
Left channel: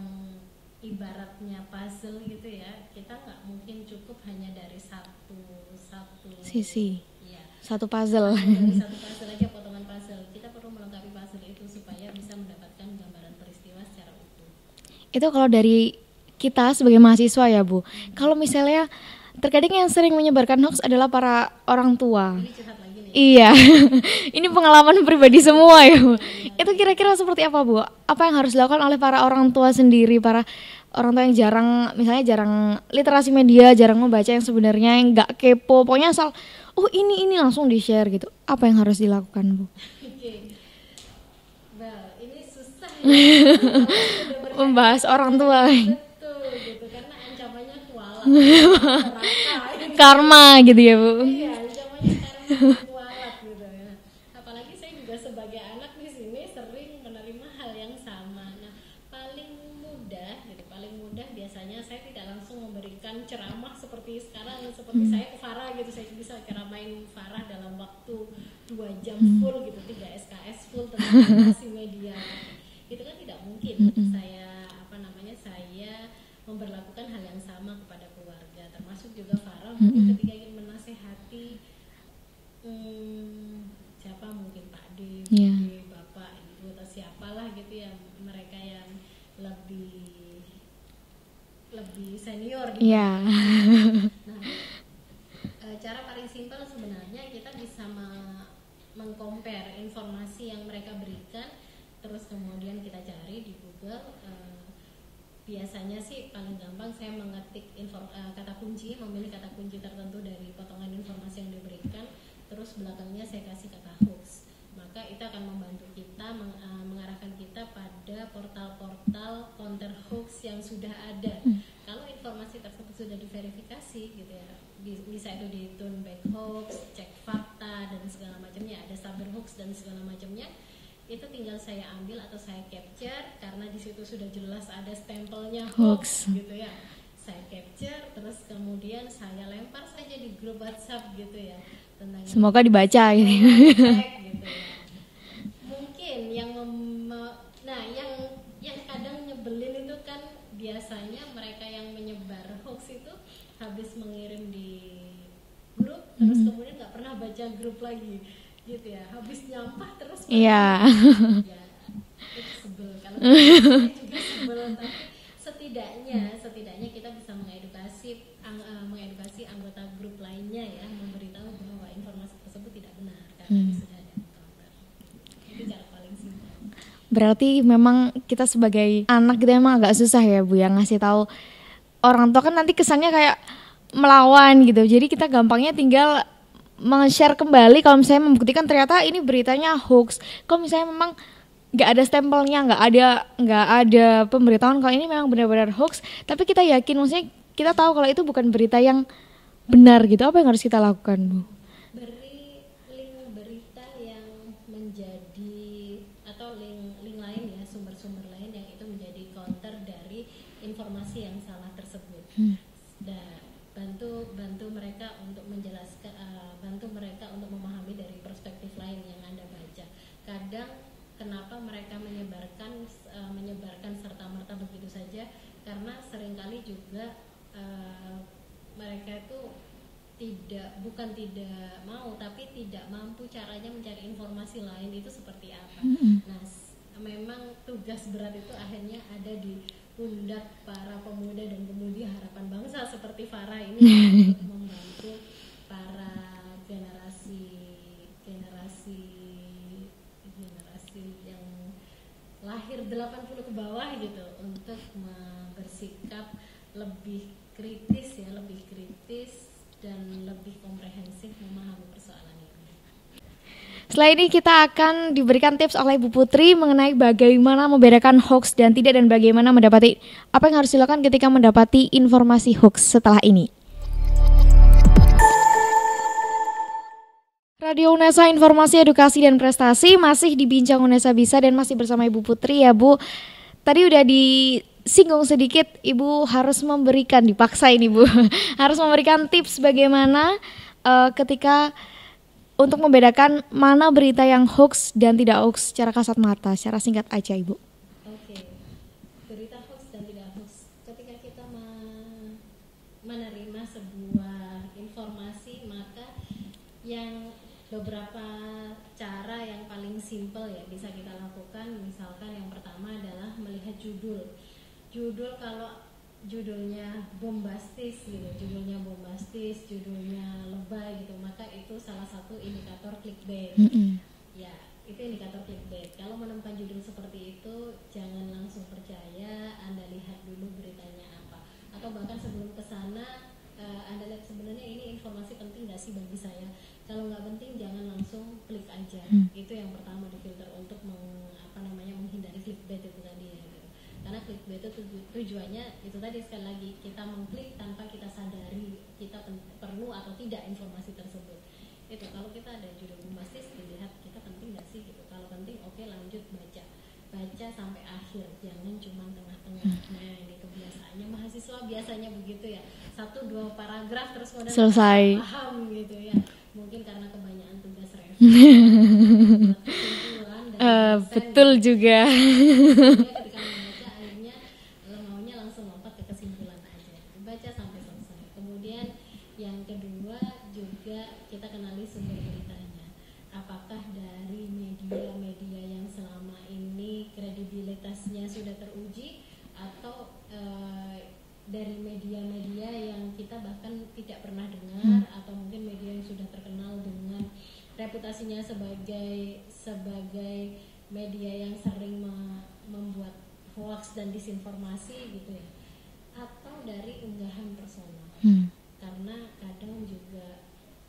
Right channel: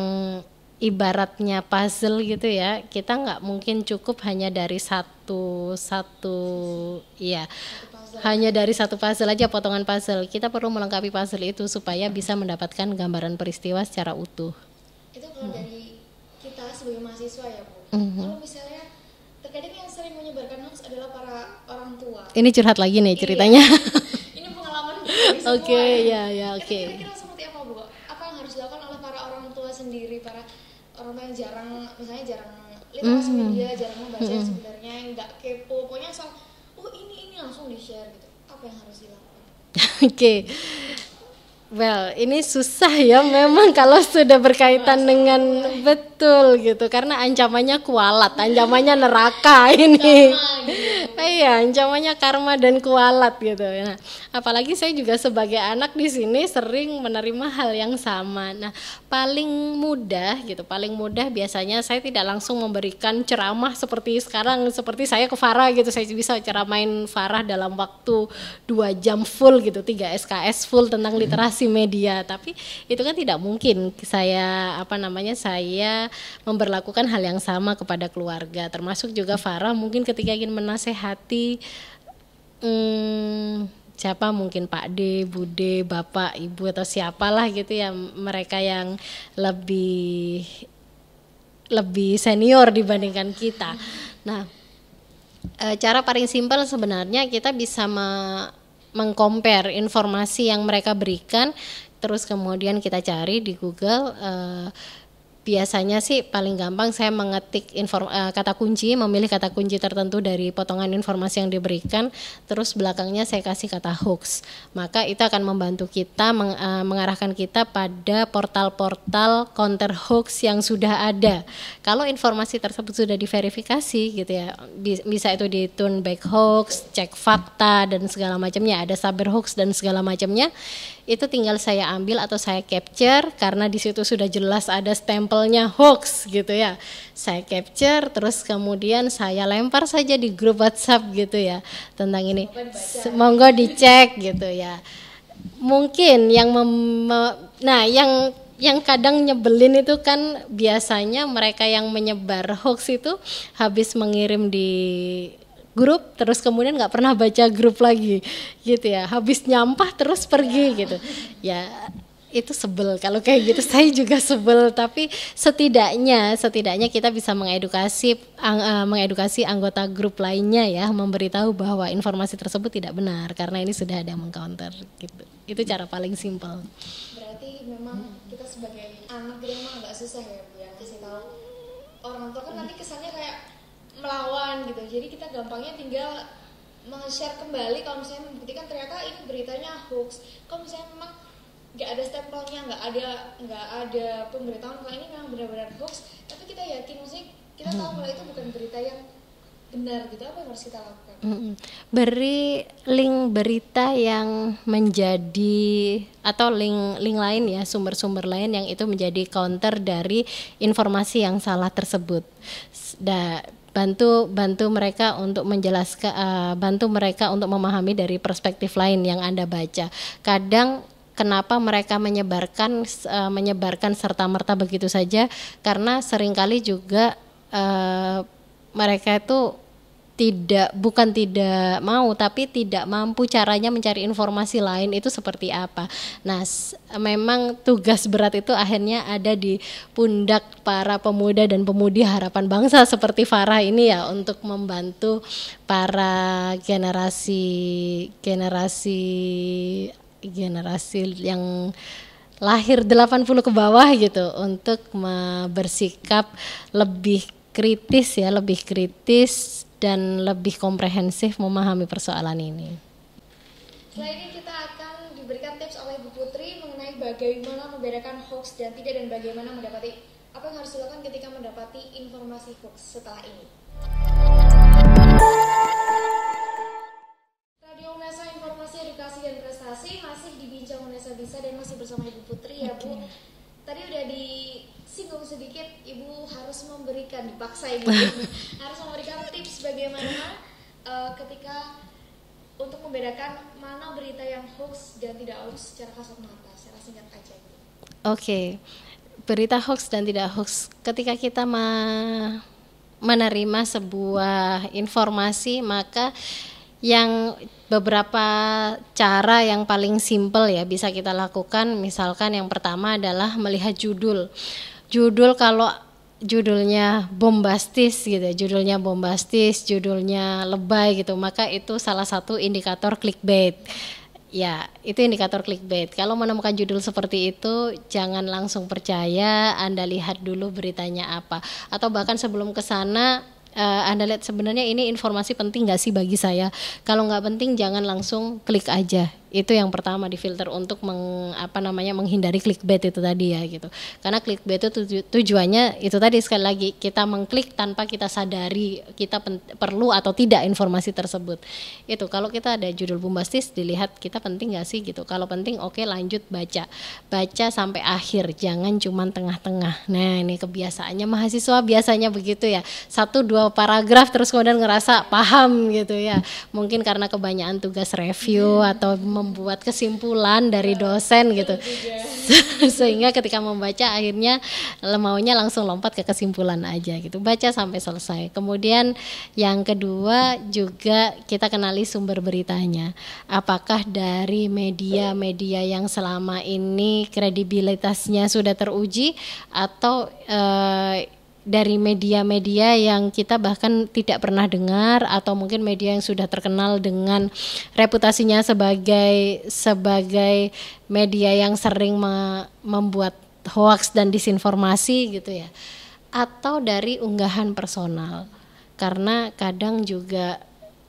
ibaratnya puzzle gitu ya. Kita nggak mungkin cukup hanya dari satu sisi. Iya. Satu puzzle. Hanya dari satu puzzle aja, potongan puzzle. Kita perlu melengkapi puzzle itu supaya bisa mendapatkan gambaran peristiwa secara utuh. Itu kalau dari kita sebagai mahasiswa ya Bu. Kalau misalnya terkadang yang sering menyebarkan hoax adalah para orang tua. Ini curhat lagi nih Iya. ceritanya. Ini pengalaman pribadi semua ya Bu. Iya, Itu kira-kira seperti apa Bu? Apa yang harus dilakukan oleh para orang tua sendiri, para orang tua yang jarang literasi media, jarang membaca yang sebenarnya, yang nggak kepo, pokoknya asal ini langsung di-share gitu. Apa yang harus dilakukan Bu? Oke. Well, ini susah ya memang kalau sudah berkaitan dengan betul gitu, karena ancamannya kualat, ancamannya neraka ini. Karma gitu ya Bu. Iya, ancamannya karma dan kualat gitu. Nah, apalagi saya juga sebagai anak di sini sering menerima hal yang sama. Nah, paling mudah biasanya saya tidak langsung memberikan ceramah seperti sekarang, seperti saya ke Farah gitu, saya bisa ceramain Farah dalam waktu 2 jam full gitu, 3 SKS full tentang literasi media, tapi itu kan tidak mungkin. Saya memberlakukan hal yang sama kepada keluarga, termasuk juga Farah mungkin ketika ingin menasehati siapa, mungkin Pak D, Bude, Bapak, Ibu atau siapalah gitu ya, mereka yang lebih senior dibandingkan kita. Nah, cara paling simpel sebenarnya kita bisa mengcompare informasi yang mereka berikan, terus kemudian kita cari di Google. Biasanya sih paling gampang saya mengetik kata kunci, memilih kata kunci tertentu dari potongan informasi yang diberikan, terus belakangnya saya kasih kata hoax. Maka itu akan membantu kita mengarahkan kita pada portal-portal counter hoax yang sudah ada. Kalau informasi tersebut sudah diverifikasi gitu ya, bisa itu di turn back hoax, cek fakta dan segala macamnya, ada saber hoax dan segala macamnya. Itu tinggal saya ambil atau saya capture karena di situ sudah jelas ada stempelnya hoax gitu ya. Saya capture terus kemudian saya lempar saja di grup WhatsApp gitu ya tentang ini. Semoga dibaca. Semoga dicek gitu ya. Mungkin yang yang kadang nyebelin itu kan biasanya mereka yang menyebar hoax itu habis mengirim di grup terus kemudian nggak pernah baca grup lagi gitu ya, habis nyampah terus pergi gitu ya. Itu sebel kalau kayak gitu. Saya juga sebel, tapi setidaknya kita bisa mengedukasi anggota grup lainnya ya, memberitahu bahwa informasi tersebut tidak benar karena ini sudah ada yang mengcounter gitu. Itu cara paling simpel. Berarti memang kita sebagai anak gitu emang agak susah ya Bu yang ngasih tahu orang tua, kan nanti kesannya kayak melawan gitu. Jadi kita gampangnya tinggal meng-share kembali kalau misalnya membuktikan ternyata ini beritanya hoax. Kalau misalnya memang nggak ada stempelnya, nggak ada pemberitahuan kalau ini memang benar-benar hoax, tapi kita yakin, maksudnya kita tahu kalau itu bukan berita yang benar gitu, apa yang harus kita lakukan? Beri link berita yang menjadi atau link lain ya, sumber-sumber lain yang itu menjadi counter dari informasi yang salah tersebut. Bantu mereka untuk menjelaskan, bantu mereka untuk memahami dari perspektif lain yang Anda baca. Kadang kenapa mereka menyebarkan serta-merta begitu saja, karena seringkali juga mereka itu bukan tidak mau, tapi tidak mampu caranya mencari informasi lain itu seperti apa. Nah, memang tugas berat itu akhirnya ada di pundak para pemuda dan pemudi harapan bangsa seperti Farah ini ya, untuk membantu para generasi yang lahir 80 ke bawah gitu untuk bersikap lebih kritis dan lebih komprehensif memahami persoalan ini. Setelah ini kita akan diberikan tips oleh Bu Putri mengenai bagaimana membedakan hoax dan tidak, dan bagaimana mendapati apa yang harus dilakukan ketika mendapati informasi hoax setelah ini. Radio UNESA, informasi, edukasi, dan prestasi masih dibincang UNESA Bisa dan masih bersama Ibu Putri ya Bu. Tadi udah disinggung sedikit, Ibu harus memberikan, dipaksa ini Bu, harus memberikan tips bagaimana ketika untuk membedakan mana berita yang hoax dan tidak hoax secara kasat mata, secara singkat aja Ibu. Oke, berita hoax dan tidak hoax. Ketika kita menerima sebuah informasi, maka yang beberapa cara yang paling simpel ya bisa kita lakukan. Misalkan yang pertama adalah melihat judul. Kalau judulnya bombastis gitu, judulnya lebay gitu, maka itu salah satu indikator clickbait. Ya, itu indikator clickbait. Kalau menemukan judul seperti itu, jangan langsung percaya, Anda lihat dulu beritanya apa. Atau bahkan sebelum ke sana, Anda lihat sebenarnya ini informasi penting nggak sih bagi saya. Kalau nggak penting jangan langsung klik aja. Itu yang pertama difilter untuk menghindari clickbait itu tadi ya gitu. Karena clickbait itu tujuannya itu tadi, sekali lagi kita mengklik tanpa kita sadari kita perlu atau tidak informasi tersebut. Itu kalau kita ada judul bombastis, dilihat kita penting nggak sih gitu. Kalau penting oke, lanjut baca sampai akhir, jangan cuman tengah-tengah. Nah, ini kebiasaannya mahasiswa biasanya begitu ya, 1-2 paragraf terus kemudian ngerasa paham gitu ya, mungkin karena kebanyakan tugas review atau membuat kesimpulan dari dosen betul gitu juga. sehingga ketika membaca akhirnya maunya langsung lompat ke kesimpulan aja gitu. Baca sampai selesai. Kemudian yang kedua juga kita kenali sumber beritanya, apakah dari media-media yang selama ini kredibilitasnya sudah teruji atau dari media-media yang kita bahkan tidak pernah dengar, atau mungkin media yang sudah terkenal dengan reputasinya sebagai media yang sering membuat hoaks dan disinformasi gitu ya, atau dari unggahan personal. Karena kadang juga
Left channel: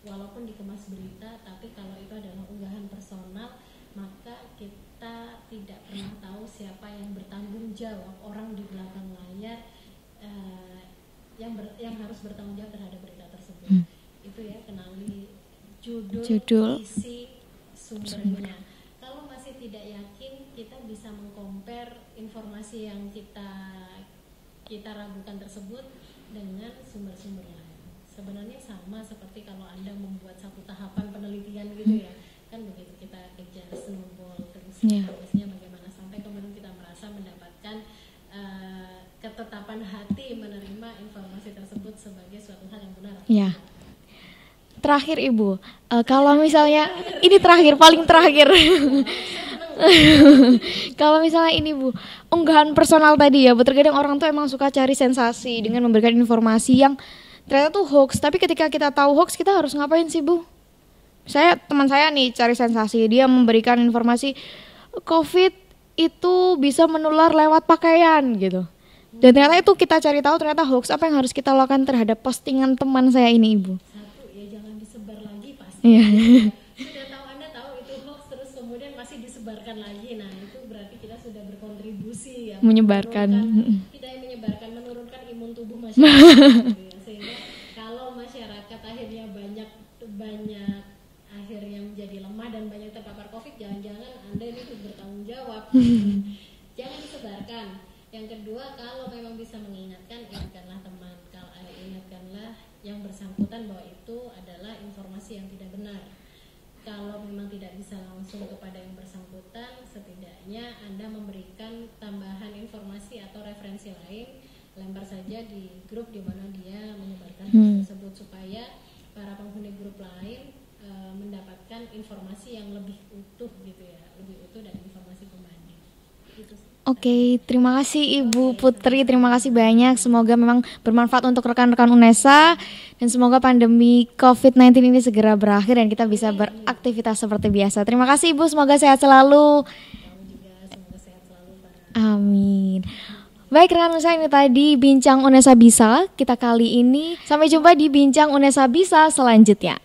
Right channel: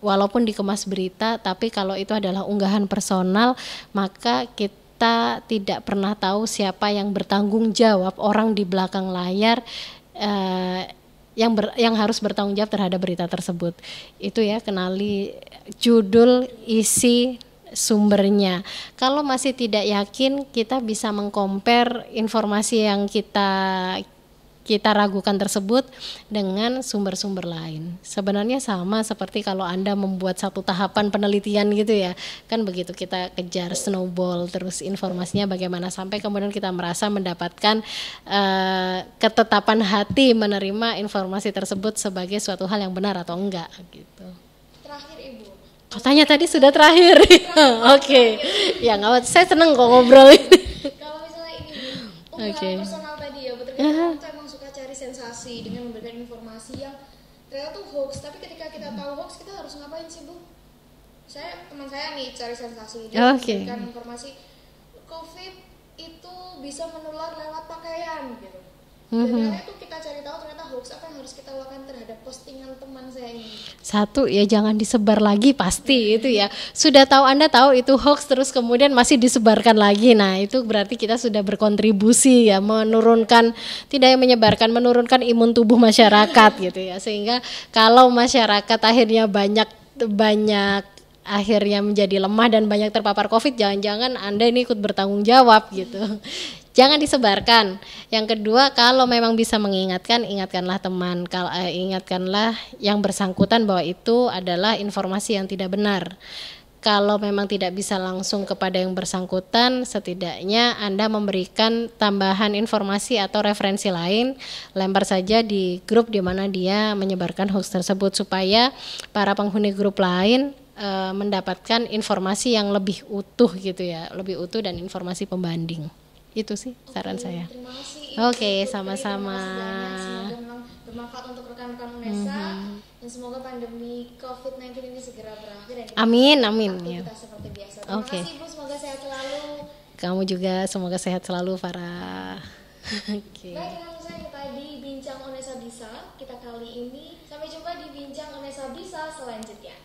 walaupun dikemas berita, tapi kalau itu adalah unggahan personal, maka kita tidak pernah tahu siapa yang bertanggung jawab, orang di belakang layar yang harus bertanggung jawab terhadap berita tersebut. Itu ya, kenali judul, isi, sumbernya. Kalau masih tidak yakin, kita bisa meng-compare informasi yang kita kita ragukan tersebut dengan sumber-sumber lain. Sebenarnya sama seperti kalau Anda membuat satu tahapan penelitian gitu ya, kan begitu kita kejar snowball terus informasinya bagaimana sampai kemudian kita merasa mendapatkan ketetapan hati menerima informasi tersebut sebagai suatu hal yang benar atau enggak. Gitu. Terakhir Ibu, tanya tadi sudah terakhir. Ini terakhir, paling terakhir. Ya nggak, saya seneng kok ngobrol. Kalau misalnya ini Bu, unggahan personal tadi ya, terkadang orang tuh emang suka cari sensasi dengan memberikan informasi yang ternyata tuh hoax. Tapi ketika kita tahu hoax, kita harus ngapain sih Bu? Teman saya nih cari sensasi, dia memberikan informasi COVID itu bisa menular lewat pakaian gitu. Dan ternyata itu kita cari tahu ternyata hoax. Apa yang harus kita lakukan terhadap postingan teman saya ini Ibu? Satu ya, jangan disebar lagi pasti gitu ya. Sudah tahu, Anda tahu itu hoax terus kemudian masih disebarkan lagi. Nah itu berarti kita sudah berkontribusi ya, menurunkan, tidak menyebarkan, menurunkan imun tubuh masyarakat gitu ya. Sehingga kalau masyarakat akhirnya banyak akhirnya menjadi lemah dan banyak terpapar COVID, jangan-jangan Anda ini ikut bertanggung jawab gitu. Jangan disebarkan. Yang kedua, kalau memang bisa mengingatkan, ingatkanlah teman, ingatkanlah yang bersangkutan bahwa itu adalah informasi yang tidak benar. Kalau memang tidak bisa langsung kepada yang bersangkutan, setidaknya Anda memberikan tambahan informasi atau referensi lain, lempar saja di grup di mana dia menyebarkan hoax tersebut supaya para penghuni grup lain mendapatkan informasi yang lebih utuh gitu ya, lebih utuh dan informasi pembanding. Itu sih saran saya. Terima kasih Ibu Putri, sama-sama. Terima kasih banyak. Semoga memang bermanfaat untuk rekan-rekan UNESA dan semoga pandemi COVID-19 ini segera berakhir dan kita bisa beraktivitas seperti biasa. Terima kasih Ibu, semoga sehat selalu. Kamu juga semoga sehat selalu Farah. Amin. Baik rekan saya, ini tadi Bincang UNESA Bisa kita kali ini. Sampai jumpa di Bincang UNESA Bisa selanjutnya.